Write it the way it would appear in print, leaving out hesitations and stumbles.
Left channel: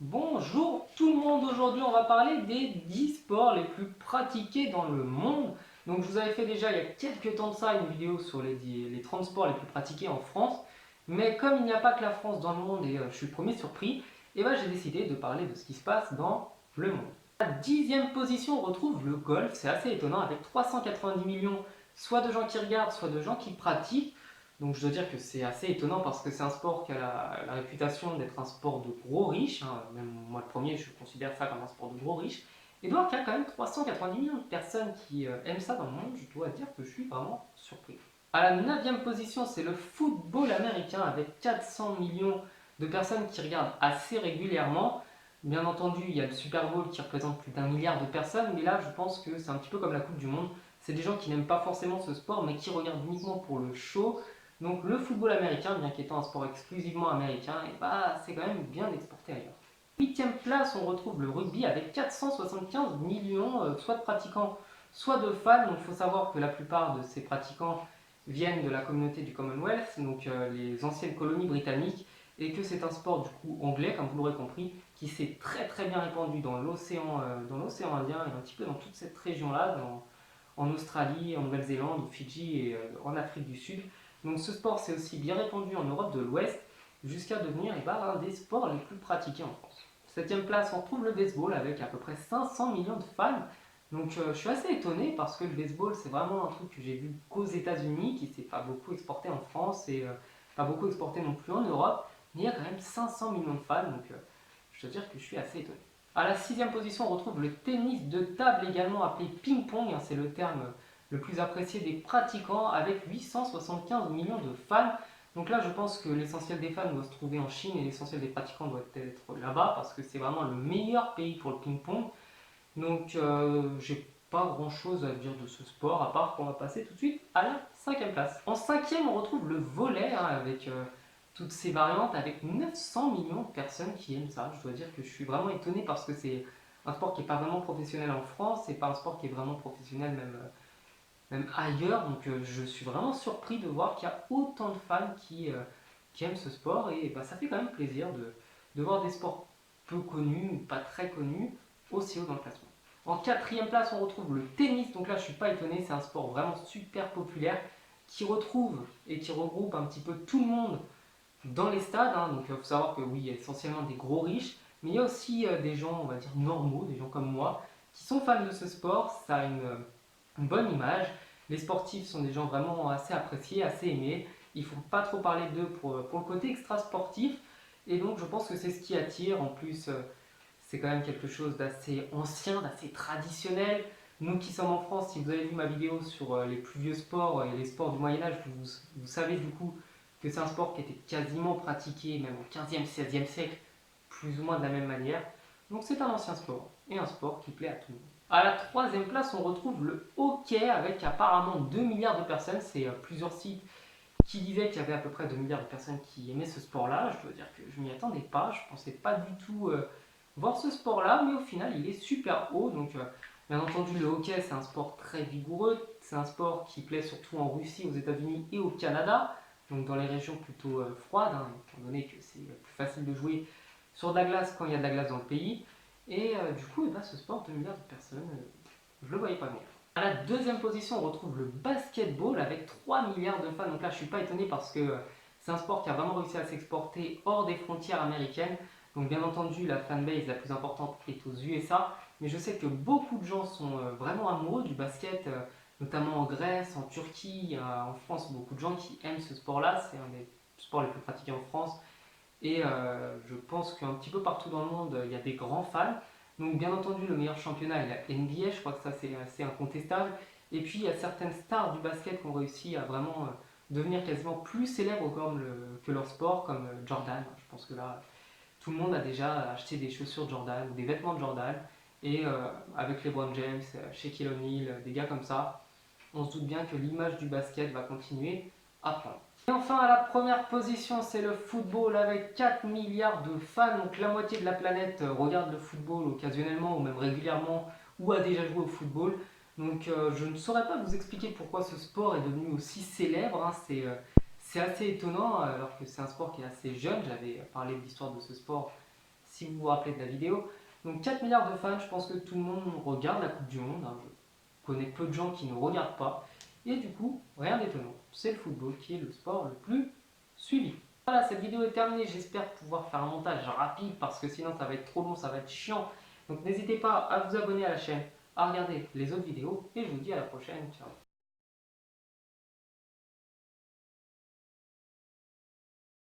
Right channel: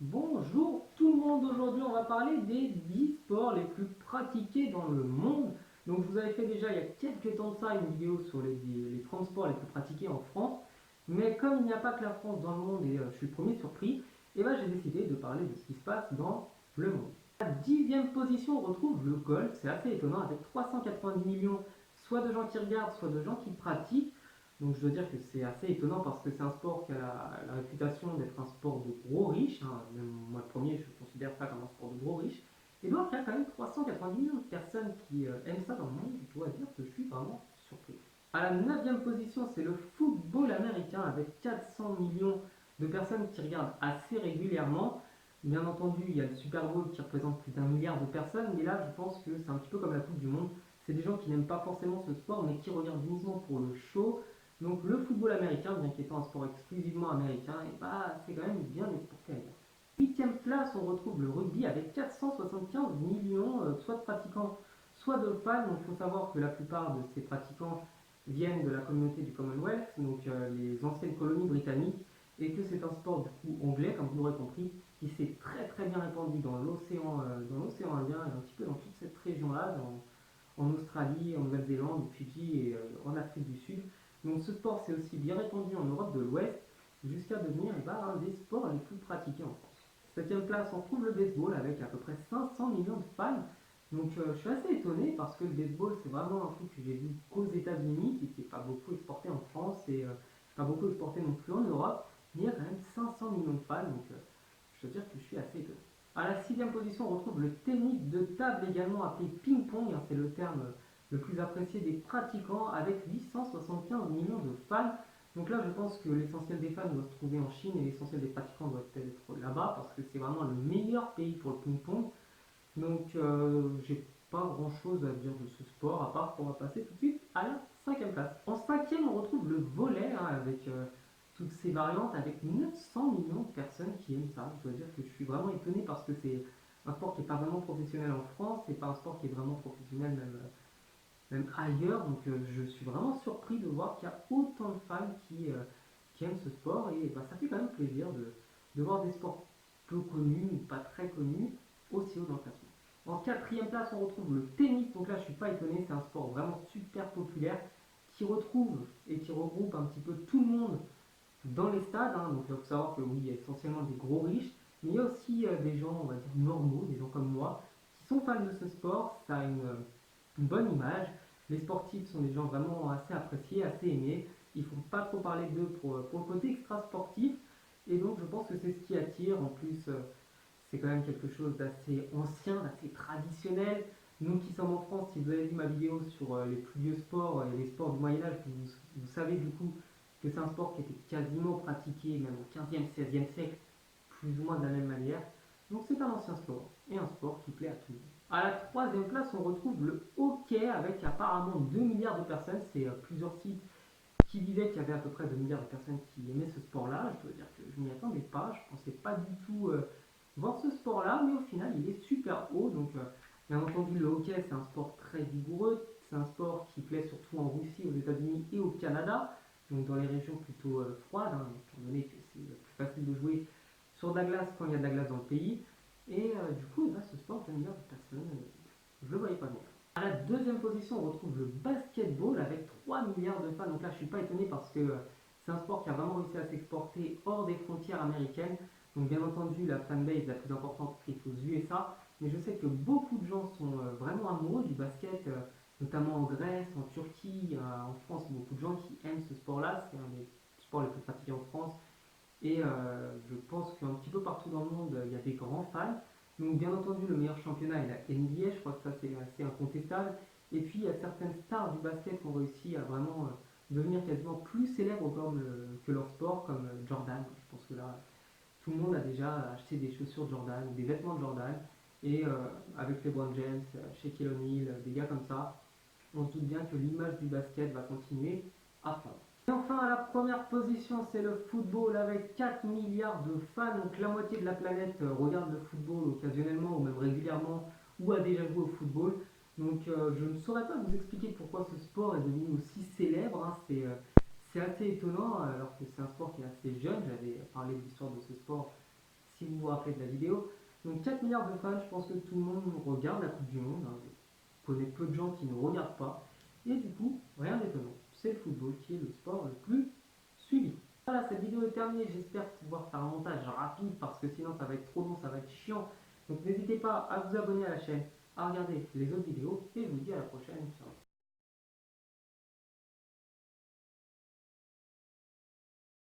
Bonjour tout le monde, aujourd'hui on va parler des 10 sports les plus pratiqués dans le monde. Donc je vous avais fait déjà il y a quelques temps de ça une vidéo sur les 30 sports les plus pratiqués en France. Mais comme il n'y a pas que la France dans le monde et je suis le premier surpris, et ben j'ai décidé de parler de ce qui se passe dans le monde. À la 10e position on retrouve le golf, c'est assez étonnant avec 390 millions soit de gens qui regardent, soit de gens qui pratiquent. Donc je dois dire que c'est assez étonnant parce que c'est un sport qui a la réputation d'être un sport de gros riches, hein. Même moi le premier je considère ça comme un sport de gros riches. Et donc il y a quand même 390 millions de personnes qui aiment ça dans le monde, je dois dire que je suis vraiment surpris. À la 9e position c'est le football américain avec 400 millions de personnes qui regardent assez régulièrement. Bien entendu il y a le Super Bowl qui représente plus d'un milliard de personnes, mais là je pense que c'est un petit peu comme la Coupe du Monde. C'est des gens qui n'aiment pas forcément ce sport mais qui regardent uniquement pour le show. Donc le football américain, bien qu'étant un sport exclusivement américain, et bah, c'est quand même bien exporté ailleurs. Huitième place, on retrouve le rugby avec 475 millions, soit de pratiquants, soit de fans. Donc il faut savoir que la plupart de ces pratiquants viennent de la communauté du Commonwealth, donc les anciennes colonies britanniques, et que c'est un sport du coup anglais, comme vous l'aurez compris, qui s'est très très bien répandu dans l'océan Indien et un petit peu dans toute cette région-là, en Australie, en Nouvelle-Zélande, au Fidji et en Afrique du Sud. Donc ce sport s'est aussi bien répandu en Europe de l'Ouest jusqu'à devenir un des sports les plus pratiqués en France. Septième place, on retrouve le baseball avec à peu près 500 millions de fans. Donc je suis assez étonné parce que le baseball c'est vraiment un truc que j'ai vu qu'aux États-Unis, qui s'est pas beaucoup exporté en France et pas beaucoup exporté non plus en Europe, mais il y a quand même 500 millions de fans, donc je dois dire que je suis assez étonné. À la sixième position, on retrouve le tennis de table, également appelé ping-pong, hein, c'est le terme le plus apprécié des pratiquants, avec 875 millions de fans. Donc là, je pense que l'essentiel des fans doit se trouver en Chine et l'essentiel des pratiquants doit être là-bas, parce que c'est vraiment le meilleur pays pour le ping-pong. Donc j'ai pas grand-chose à dire de ce sport, à part qu'on va passer tout de suite à la cinquième place. En cinquième, on retrouve le volley, hein, avec toutes ces variantes, avec 900 millions de personnes qui aiment ça. Je dois dire que je suis vraiment étonné parce que c'est un sport qui n'est pas vraiment professionnel en France, c'est pas un sport qui est vraiment professionnel même ailleurs, donc je suis vraiment surpris de voir qu'il y a autant de fans qui aiment ce sport, et bah, ça fait quand même plaisir de voir des sports peu connus ou pas très connus aussi haut dans le classement. En quatrième place, on retrouve le tennis, donc là je suis pas étonné, c'est un sport vraiment super populaire qui retrouve et qui regroupe un petit peu tout le monde dans les stades, hein. Donc il faut savoir que oui, il y a essentiellement des gros riches, mais il y a aussi des gens, on va dire, normaux, des gens comme moi, qui sont fans de ce sport. Ça a une bonne image. Les sportifs sont des gens vraiment assez appréciés, assez aimés. Ils ne font pas trop parler d'eux pour le côté extra sportif. Et donc je pense que c'est ce qui attire. En plus, c'est quand même quelque chose d'assez ancien, d'assez traditionnel. Nous qui sommes en France, si vous avez vu ma vidéo sur les plus vieux sports et les sports du Moyen-Âge, vous savez du coup que c'est un sport qui était quasiment pratiqué même au 15e, 16e siècle, plus ou moins de la même manière. Donc c'est un ancien sport et un sport qui plaît à tout le monde. À la troisième place, on retrouve le hockey avec apparemment 2 milliards de personnes. C'est plusieurs sites qui disaient qu'il y avait à peu près 2 milliards de personnes qui aimaient ce sport-là. Je dois dire que je m'y attendais pas. Je pensais pas du tout voir ce sport-là, mais au final, il est super haut. Donc, bien entendu, le hockey, c'est un sport très vigoureux. C'est un sport qui plaît surtout en Russie, aux États-Unis et au Canada, donc dans les régions plutôt froides, hein, étant donné que c'est plus facile de jouer sur de la glace quand il y a de la glace dans le pays. Et du coup, eh ben, ce sport, 2 milliards de personnes, je le voyais pas venir. À la deuxième position, on retrouve le basketball avec 3 milliards de fans. Donc là, je ne suis pas étonné parce que c'est un sport qui a vraiment réussi à s'exporter hors des frontières américaines. Donc bien entendu, la fanbase la plus importante est aux USA. Mais je sais que beaucoup de gens sont vraiment amoureux du basket, notamment en Grèce, en Turquie, en France. Beaucoup de gens qui aiment ce sport-là. C'est un des sports les plus pratiqués en France. Et je pense qu'un petit peu partout dans le monde, il y a des grands fans. Donc bien entendu, le meilleur championnat est la NBA, je crois que ça c'est assez incontestable. Et puis il y a certaines stars du basket qui ont réussi à vraiment devenir quasiment plus célèbres que leur sport, comme Jordan. Je pense que là, tout le monde a déjà acheté des chaussures de Jordan, des vêtements de Jordan. Et avec LeBron James, Shaquille O'Neal, des gars comme ça, on se doute bien que l'image du basket va continuer à prendre. Et enfin, à la première position, c'est le football avec 4 milliards de fans. Donc la moitié de la planète regarde le football occasionnellement ou même régulièrement ou a déjà joué au football. Donc je ne saurais pas vous expliquer pourquoi ce sport est devenu aussi célèbre, hein. C'est assez étonnant alors que c'est un sport qui est assez jeune. J'avais parlé de l'histoire de ce sport si vous vous rappelez de la vidéo. Donc 4 milliards de fans, je pense que tout le monde regarde la Coupe du Monde, hein. Je connais peu de gens qui ne regardent pas. Et du coup, rien d'étonnant, c'est le football qui est le sport le plus suivi. Voilà, cette vidéo est terminée, j'espère pouvoir faire un montage rapide parce que sinon ça va être trop long, ça va être chiant. Donc n'hésitez pas à vous abonner à la chaîne, à regarder les autres vidéos et je vous dis à la prochaine, ciao.